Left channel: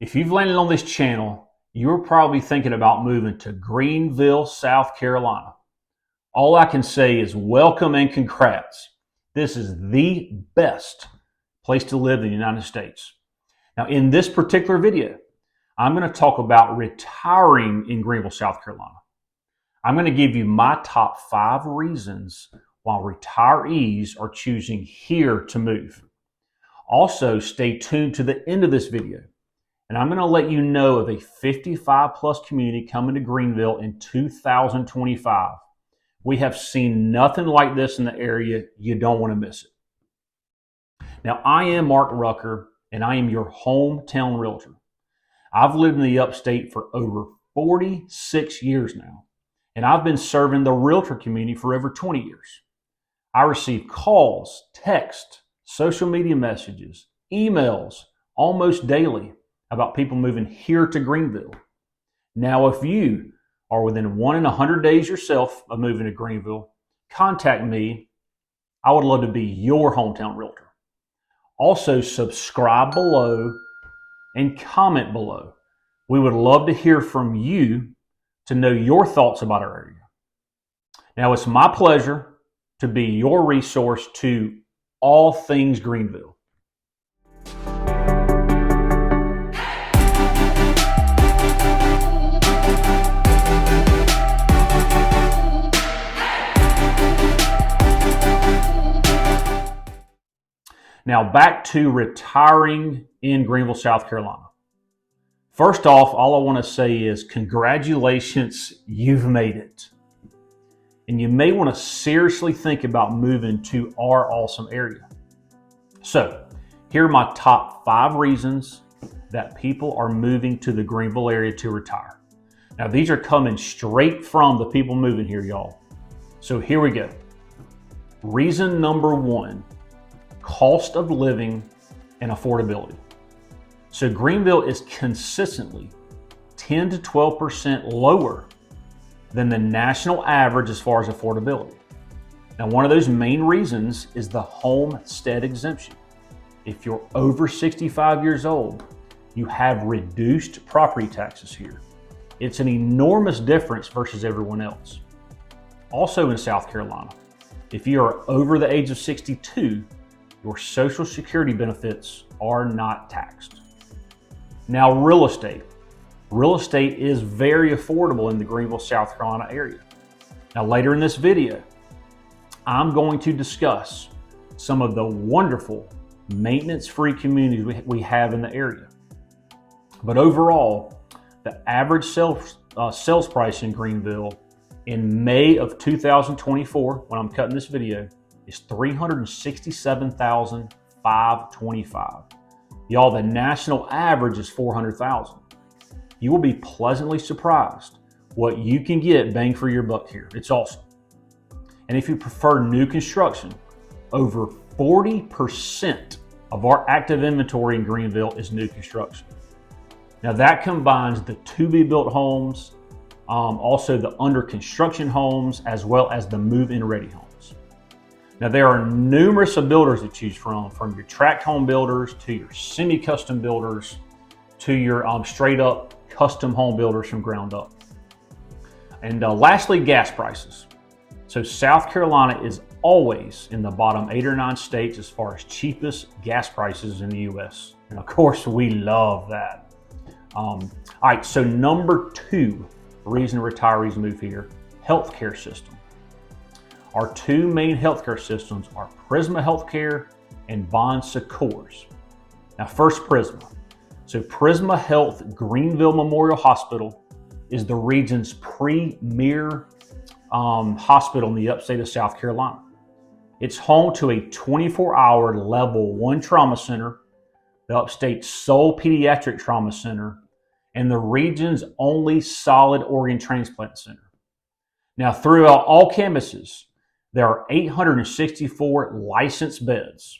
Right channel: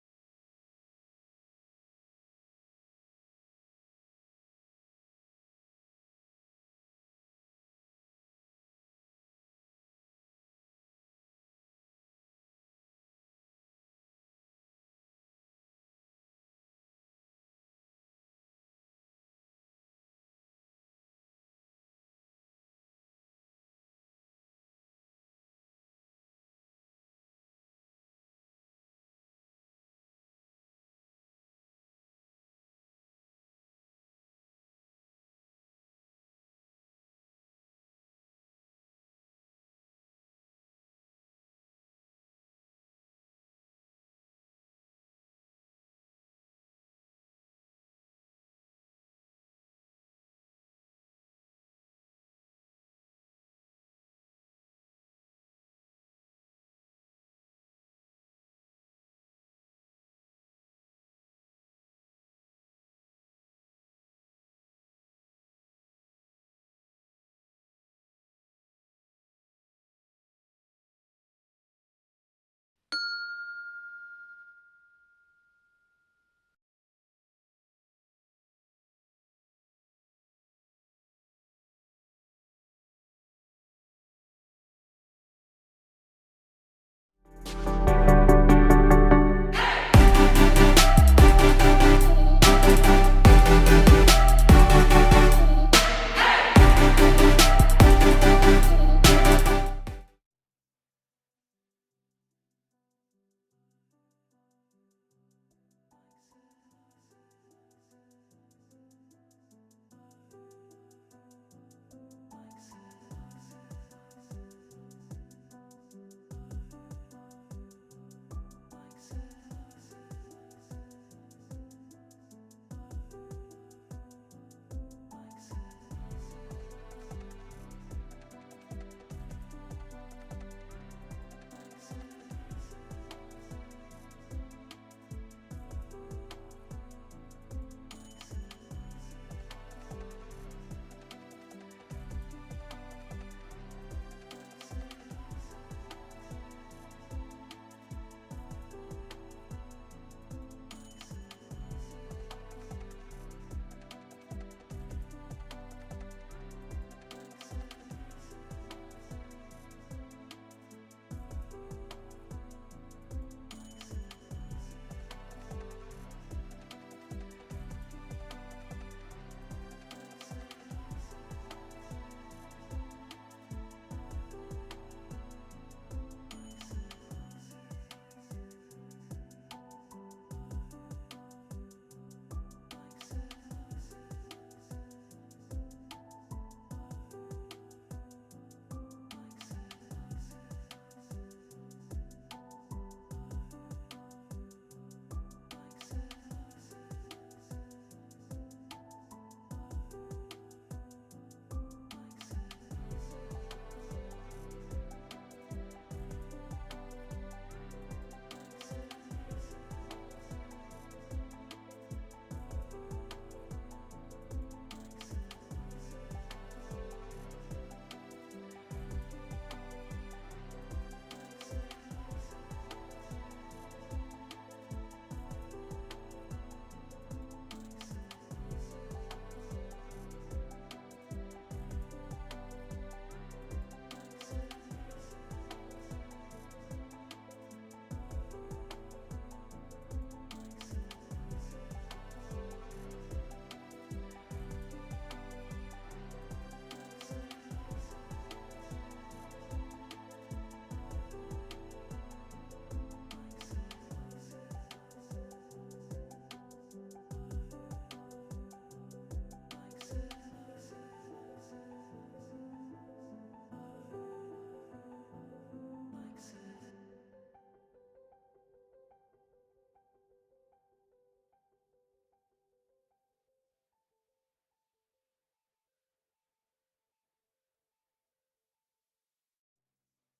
If you've landed on this channel, you're probably thinking about moving to Greenville, South Carolina. All I can say is welcome and congrats. This is the best place to live in the United States. Now, in this particular video, I'm going to talk about retiring in Greenville, South Carolina. I'm going to give you my top 5 reasons why retirees are choosing here to move. Also, stay tuned to the end of this video, and I'm going to let you know of a 55 plus community coming to Greenville in 2025. We have seen nothing like this in the area. You don't want to miss it. Now, I am Mark Rucker, and I am your hometown realtor. I've lived in the upstate for over 46 years now, and I've been serving the realtor community for over 20 years. I receive calls, texts, social media messages, emails almost daily about people moving here to Greenville. Now, if you are within 1 in 100 days yourself of moving to Greenville, contact me. I would love to be your hometown realtor. Also, subscribe below and comment below. We would love to hear from you to know your thoughts about our area. Now, it's my pleasure to be your resource to all things Greenville. Now, back to retiring in Greenville, South Carolina. First off, all I want to say is congratulations, you've made it. And you may want to seriously think about moving to our awesome area. So, here are my top 5 reasons that people are moving to the Greenville area to retire. Now, these are coming straight from the people moving here, y'all. So here we go. Reason number 1, cost of living and affordability. So Greenville is consistently 10 to 12% lower than the national average as far as affordability. Now, one of those main reasons is the homestead exemption. If you're over 65 years old, you have reduced property taxes here. It's an enormous difference versus everyone else. Also in South Carolina, if you are over the age of 62, your Social Security benefits are not taxed. Now, real estate. Real estate is very affordable in the Greenville, South Carolina area. Now, later in this video, I'm going to discuss some of the wonderful maintenance-free communities we have in the area. But overall, the average sales price in Greenville in May of 2024, when I'm cutting this video, is $367,525. Y'all, the national average is $400,000. You will be pleasantly surprised what you can get bang for your buck here. It's awesome. And if you prefer new construction, over 40% of our active inventory in Greenville is new construction. Now that combines the to-be-built homes, also the under construction homes, as well as the move-in ready homes. Now there are numerous builders to choose from your tract home builders to your semi-custom builders to your straight up custom home builders from ground up. And lastly, gas prices. So South Carolina is always in the bottom 8 or 9 states as far as cheapest gas prices in the US. And of course, we love that. All right, so number 2 reason retirees move here, healthcare system. Our 2 main healthcare systems are Prisma Healthcare and Bon Secours. Now first, Prisma. So Prisma Health Greenville Memorial Hospital is the region's premier hospital in the upstate of South Carolina. It's home to a 24-hour level 1 trauma center, the upstate's sole pediatric trauma center, and the region's only solid organ transplant center. Now, throughout all campuses, there are 864 licensed beds.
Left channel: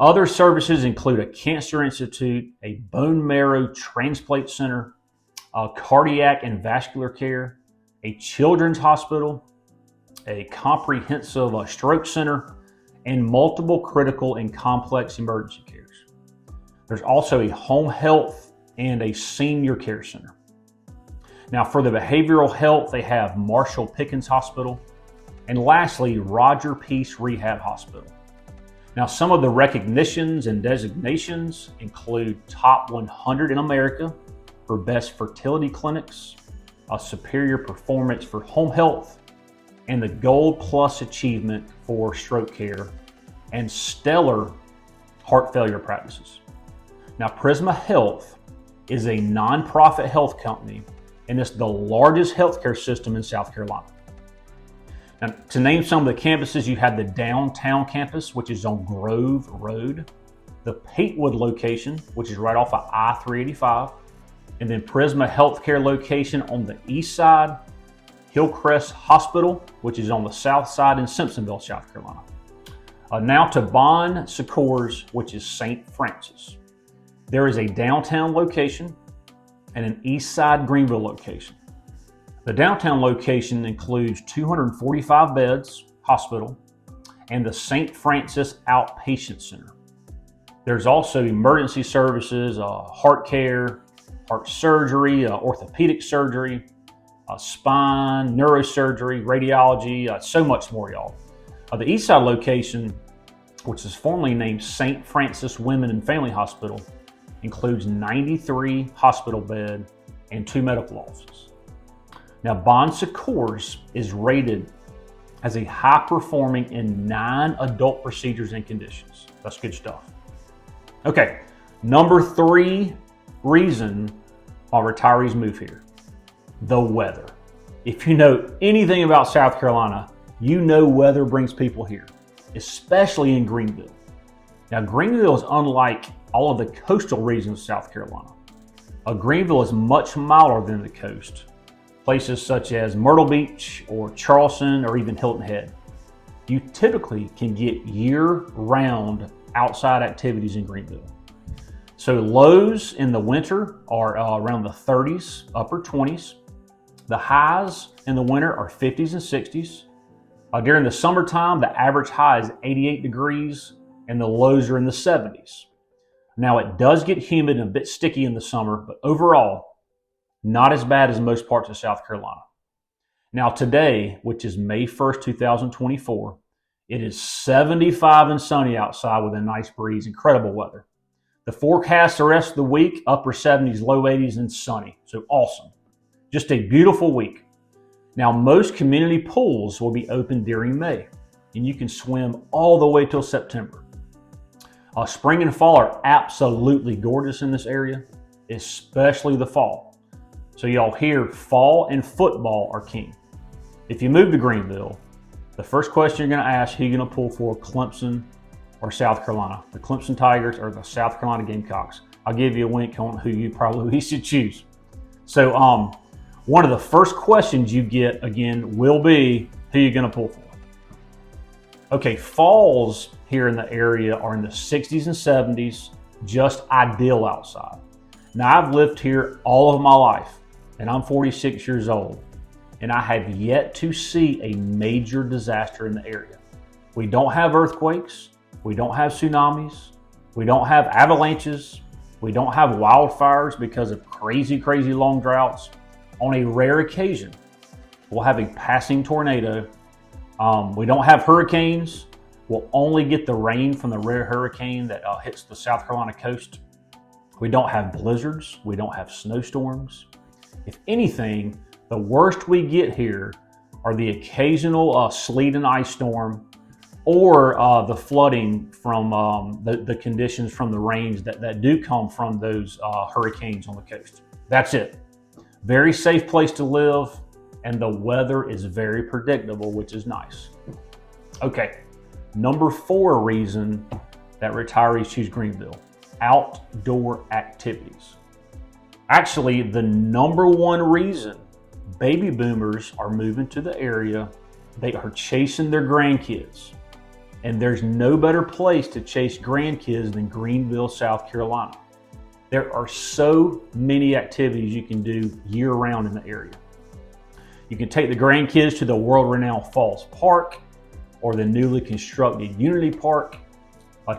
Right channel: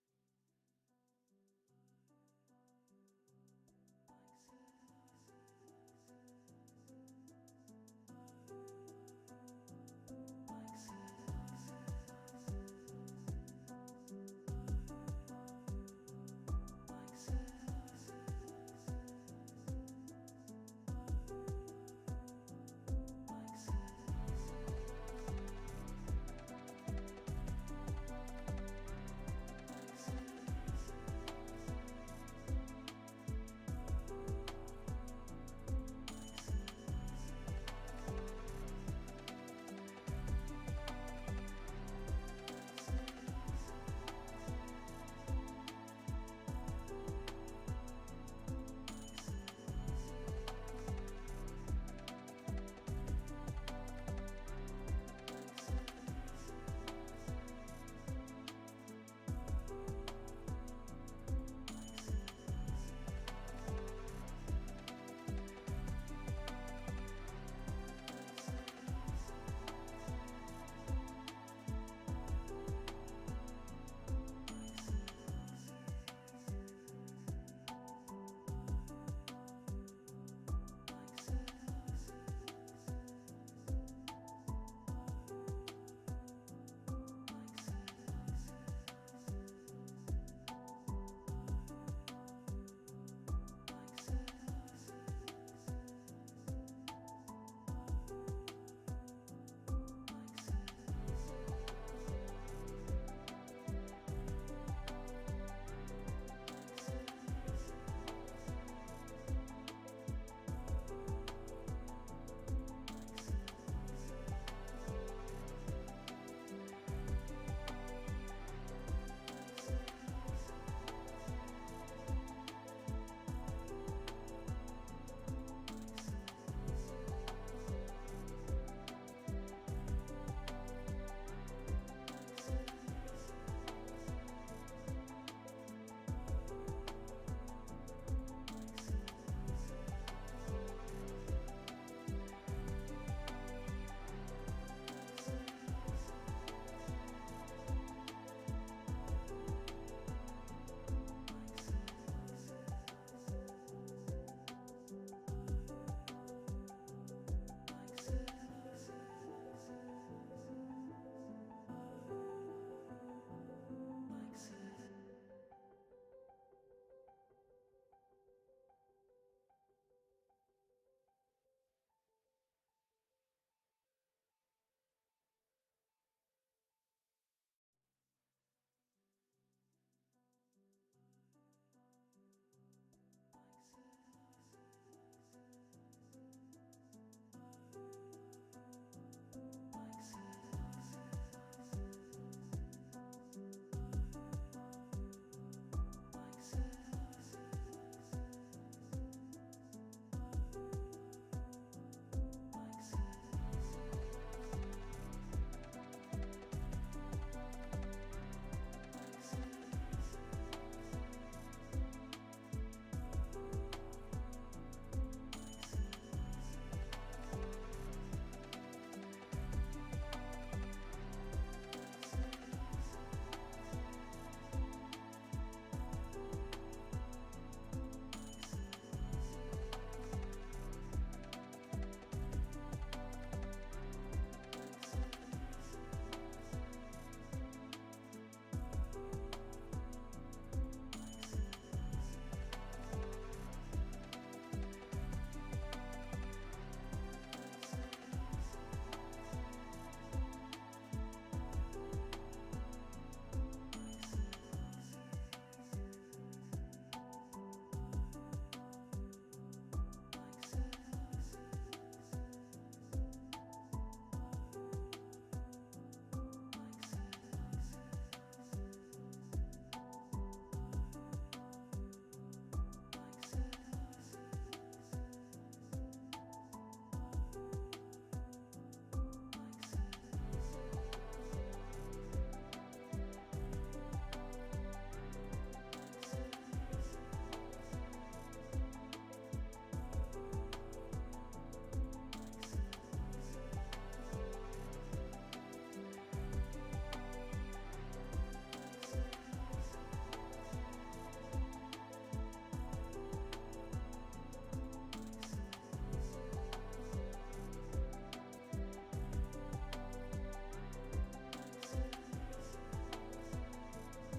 Other services include a cancer institute, a bone marrow transplant center, a cardiac and vascular care, a children's hospital, a comprehensive stroke center, and multiple critical and complex emergency cares. There's also a home health and a senior care center. Now for the behavioral health, they have Marshall Pickens Hospital, and lastly, Roger Peace Rehab Hospital. Now some of the recognitions and designations include Top 100 in America for Best Fertility Clinics, a Superior Performance for Home Health, and the Gold Plus Achievement for Stroke Care, and Stellar Heart Failure Practices. Now Prisma Health is a nonprofit health company, and it's the largest healthcare system in South Carolina. Now, to name some of the campuses, you have the downtown campus, which is on Grove Road, the Patewood location, which is right off of I-385, and then Prisma Healthcare location on the east side, Hillcrest Hospital, which is on the south side in Simpsonville, South Carolina. Now to Bon Secours, which is St. Francis. There is a downtown location and an east side Greenville location. The downtown location includes 245 beds, hospital, and the St. Francis Outpatient Center. There's also emergency services, heart care, heart surgery, orthopedic surgery, spine, neurosurgery, radiology, so much more, y'all. The east side location, which is formerly named St. Francis Women and Family Hospital, includes 93 hospital bed and 2 medical offices. Now, Bon Secours is rated as a high performing in 9 adult procedures and conditions. That's good stuff. Okay, number 3 reason why retirees move here: the weather. If you know anything about South Carolina, you know weather brings people here, especially in Greenville. Now, Greenville is unlike all of the coastal regions of South Carolina. Greenville is much milder than the coast. Places such as Myrtle Beach or Charleston or even Hilton Head. You typically can get year-round outside activities in Greenville. So lows in the winter are around the 30s, upper 20s. The highs in the winter are 50s and 60s. During the summertime, the average high is 88 degrees and the lows are in the 70s. Now it does get humid and a bit sticky in the summer, but overall, not as bad as most parts of South Carolina. Now today, which is May 1st, 2024, it is 75 and sunny outside with a nice breeze, incredible weather. The forecast the rest of the week, upper 70s, low 80s, and sunny, so awesome. Just a beautiful week. Now most community pools will be open during May, and you can swim all the way till September. Spring and fall are absolutely gorgeous in this area, especially the fall. So y'all hear fall and football are king. If you move to Greenville, the first question you're going to ask, who you're going to pull for, Clemson or South Carolina? The Clemson Tigers or the South Carolina Gamecocks? I'll give you a wink on who you probably should choose. So one of the first questions you get, again, will be who you're going to pull for. Okay, falls here in the area are in the 60s and 70s, just ideal outside. Now I've lived here all of my life, and I'm 46 years old, and I have yet to see a major disaster in the area. We don't have earthquakes, we don't have tsunamis, we don't have avalanches, we don't have wildfires because of crazy long droughts. On a rare occasion, we'll have a passing tornado. We don't have hurricanes. We'll only get the rain from the rare hurricane that hits the South Carolina coast. We don't have blizzards. We don't have snowstorms. If anything, the worst we get here are the occasional sleet and ice storm or the flooding from the conditions from the rains that do come from those hurricanes on the coast. That's it. Very safe place to live, and the weather is very predictable, which is nice. Okay, number 4 reason that retirees choose Greenville: outdoor activities. Actually, the number 1 reason baby boomers are moving to the area, they are chasing their grandkids. And there's no better place to chase grandkids than Greenville, South Carolina. There are so many activities you can do year-round in the area. You can take the grandkids to the world-renowned Falls Park or the newly constructed Unity Park.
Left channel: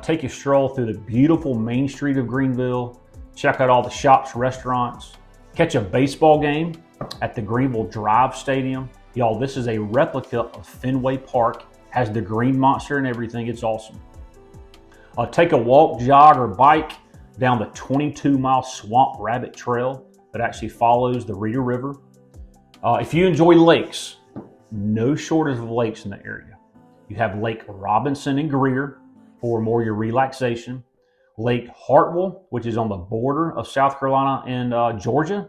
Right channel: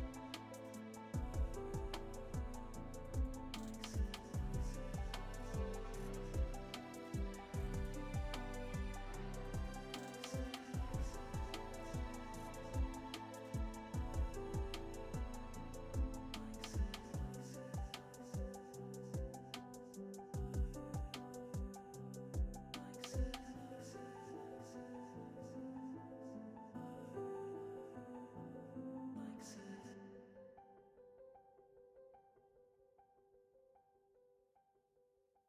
Take a stroll through the beautiful main street of Greenville. check out all the shops, restaurants, catch a baseball game at the Greenville Drive Stadium. Y'all, this is a replica of Fenway Park, has the green monster and everything. It's awesome. Take a walk, jog, or bike down the 22-mile Swamp Rabbit Trail that actually follows the Reeder River. If you enjoy lakes, no shortage of lakes in the area. You have Lake Robinson and Greer for more your relaxation. Lake Hartwell, which is on the border of South Carolina and Georgia,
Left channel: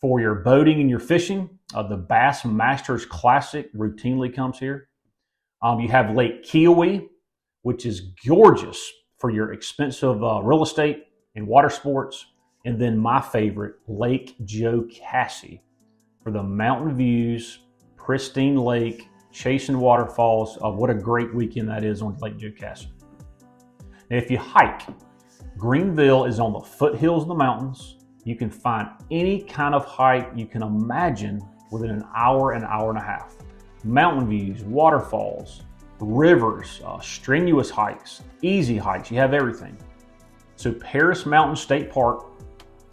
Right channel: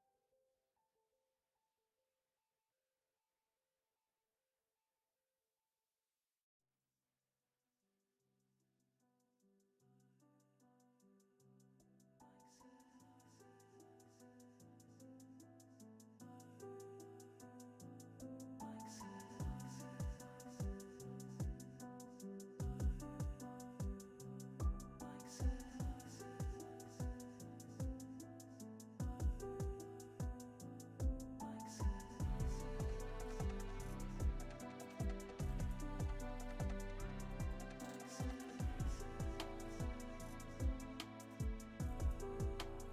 for your boating and your fishing. The Bass Masters Classic routinely comes here. You have Lake Kiowee, which is gorgeous for your expensive real estate and water sports. And then my favorite, Lake Jocassee, for the mountain views, pristine lake, chasing waterfalls. What a great weekend that is on Lake Jocassee. Now, if you hike, Greenville is on the foothills of the mountains. You can find any kind of hike you can imagine within an hour and a half. Mountain views, waterfalls, rivers, strenuous hikes, easy hikes, you have everything. So Paris Mountain State Park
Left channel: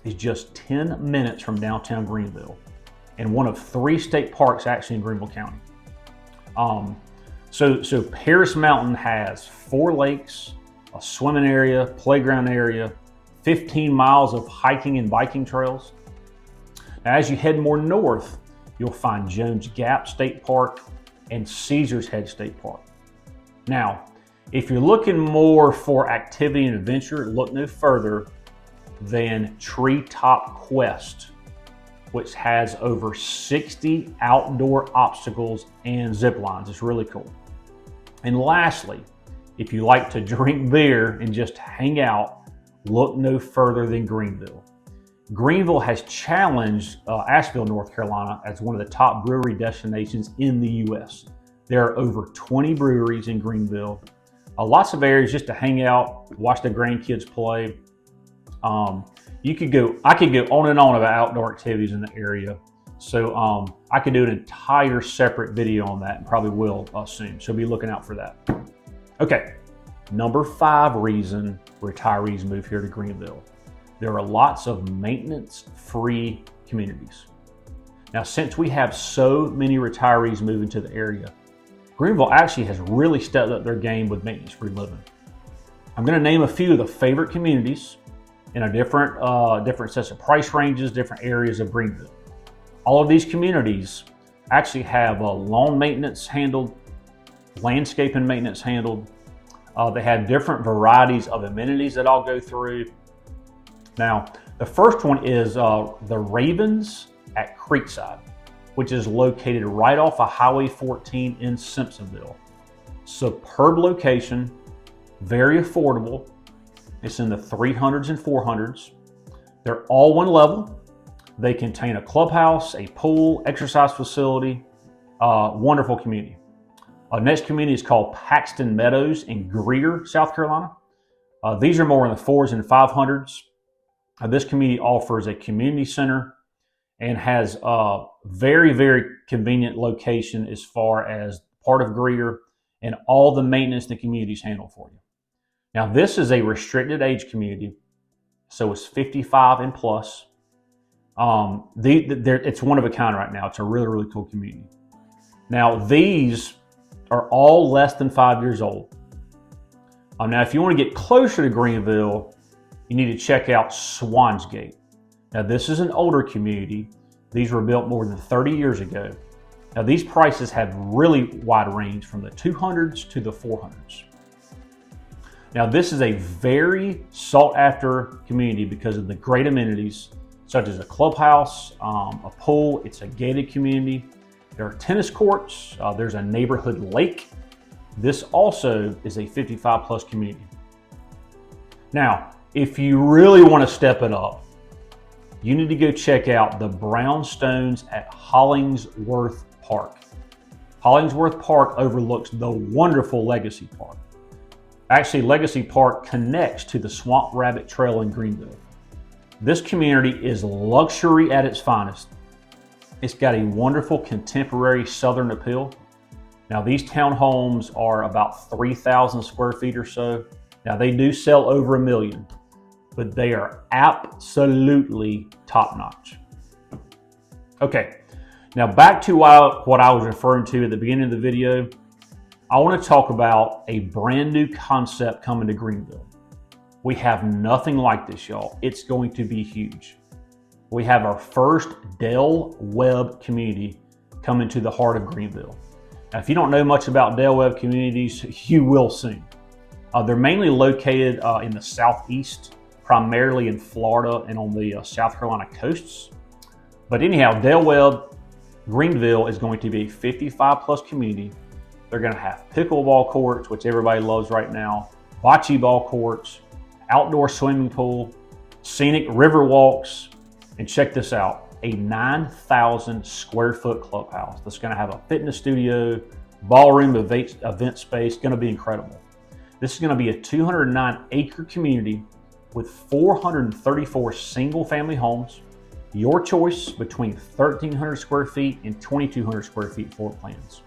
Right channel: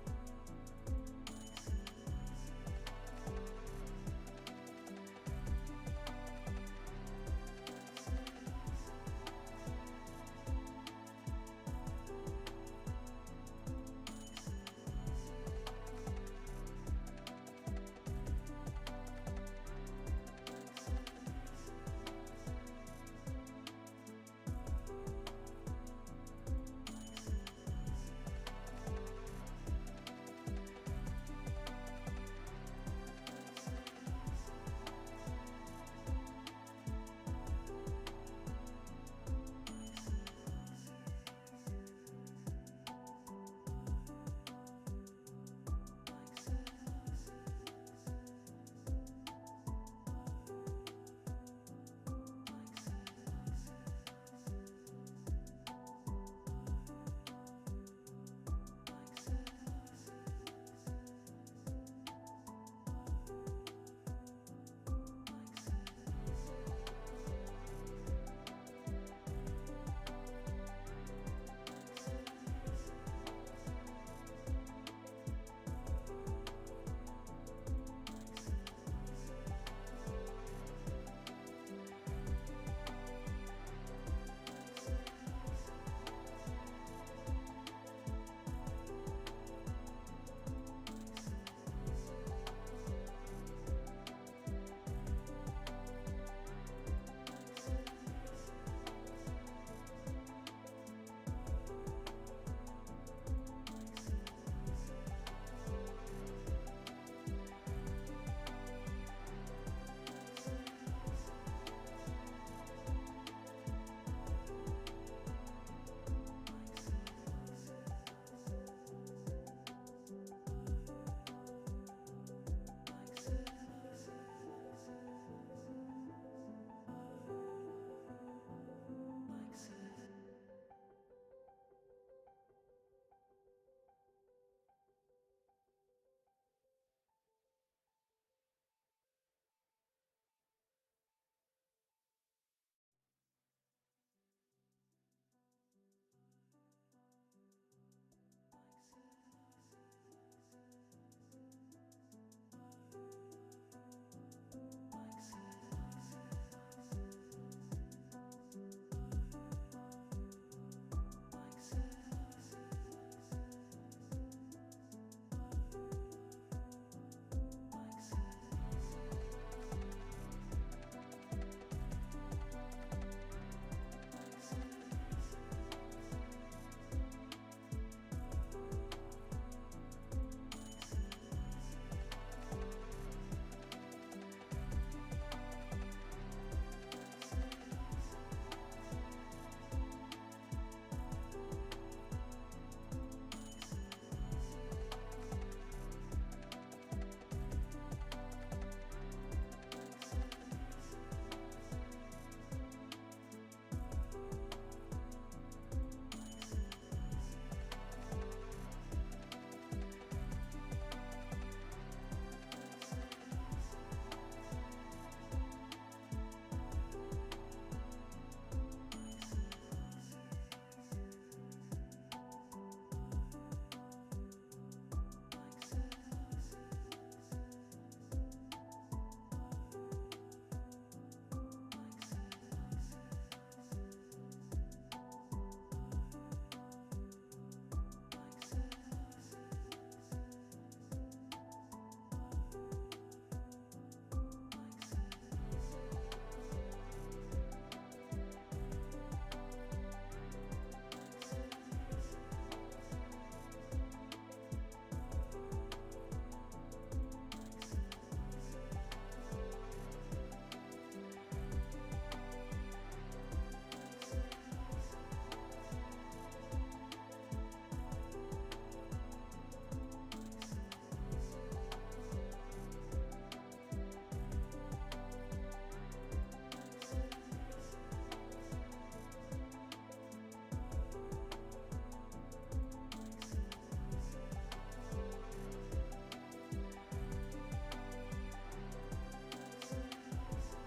is just 10 minutes from downtown Greenville and one of 3 state parks actually in Greenville County. So Paris Mountain has 4 lakes, a swimming area, playground area, 15 miles of hiking and biking trails. Now, as you head more north, you'll find Jones Gap State Park and Caesars Head State Park. Now, if you're looking more for activity and adventure, look no further than Treetop Quest, which has over 60 outdoor obstacles and zip lines. It's really cool. And lastly, if you like to drink beer and just hang out, look no further than Greenville. Greenville has challenged Asheville, North Carolina as one of the top brewery destinations in the U.S. There are over 20 breweries in Greenville. Lots of areas just to hang out, watch the grandkids play. I could go on and on about outdoor activities in the area. So I could do an entire separate video on that and probably will soon. So be looking out for that. Okay, number 5 reason retirees move here to Greenville. There are lots of maintenance-free communities. Now, since we have so many retirees moving to the area, Greenville actually has really stepped up their game with maintenance-free living. I'm going to name a few of the favorite communities in a different sets of price ranges, different areas of Greenville. All of these communities actually have lawn maintenance handled, landscaping maintenance handled. They have different varieties of amenities that I'll go through. Now, the first one is the Ravens at Creekside, which is located right off of Highway 14 in Simpsonville. Superb location, very affordable. It's in the 300s and 400s. They're all one level. They contain a clubhouse, a pool, exercise facility, wonderful community. Next community is called Paxton Meadows in Greer, South Carolina. These are more in the 400s and 500s. This community offers a community center and has a very, very convenient location as far as part of Greer, and all the maintenance the communities handle for you. Now, this is a restricted age community, so it's 55 and plus. It's one of a kind right now. It's a really, really cool community. Now, these are all less than 5 years old. Now, if you want to get closer to Greenville, you need to check out Swansgate. Now, this is an older community. These were built more than 30 years ago. Now, these prices have really wide range from the 200s to the 400s. Now, this is a very sought after community because of the great amenities, such as a clubhouse, a pool. It's a gated community. There are tennis courts. There's a neighborhood lake. This also is a 55 plus community. Now, if you really want to step it up, you need to go check out the brownstones at Hollingsworth Park. Hollingsworth Park overlooks the wonderful Legacy Park. Actually, Legacy Park connects to the Swamp Rabbit Trail in Greenville. This community is luxury at its finest. It's got a wonderful contemporary southern appeal. Now, these townhomes are about 3,000 square feet or so. Now, they do sell over $1 million. but they are absolutely top-notch. Okay, now back to what I was referring to at the beginning of the video. I want to talk about a brand new concept coming to Greenville. We have nothing like this, y'all. It's going to be huge. We have our first Del Webb community coming to the heart of Greenville. Now, if you don't know much about Del Webb communities, you will soon. They're mainly located in the southeast, primarily in Florida and on the South Carolina coasts. But anyhow, Del Webb, Greenville is going to be a 55+ community. They're going to have pickleball courts, which everybody loves right now, bocce ball courts, outdoor swimming pool, scenic river walks, and check this out, a 9,000 square foot clubhouse that's going to have a fitness studio, ballroom, event space. Going to be incredible. This is going to be a 209-acre community with 434 single-family homes. Your choice between 1,300 square feet and 2,200 square feet floor plans.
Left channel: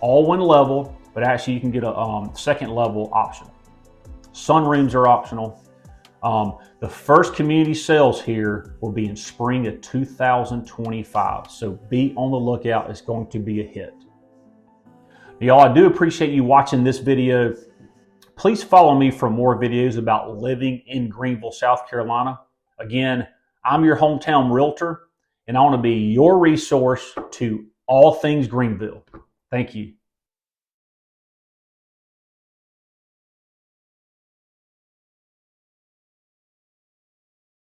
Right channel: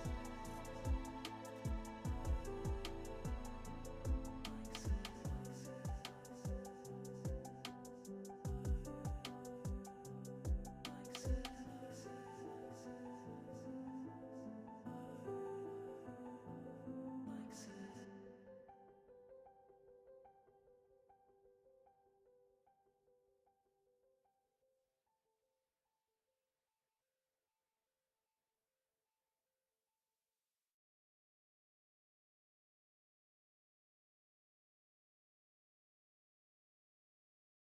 All one level, but actually you can get a second level option. Sunrooms are optional. The first community sales here will be in spring of 2025. So be on the lookout. It's going to be a hit. Y'all, I do appreciate you watching this video. Please follow me for more videos about living in Greenville, South Carolina. Again, I'm your hometown realtor, and I want to be your resource to all things Greenville. Thank you.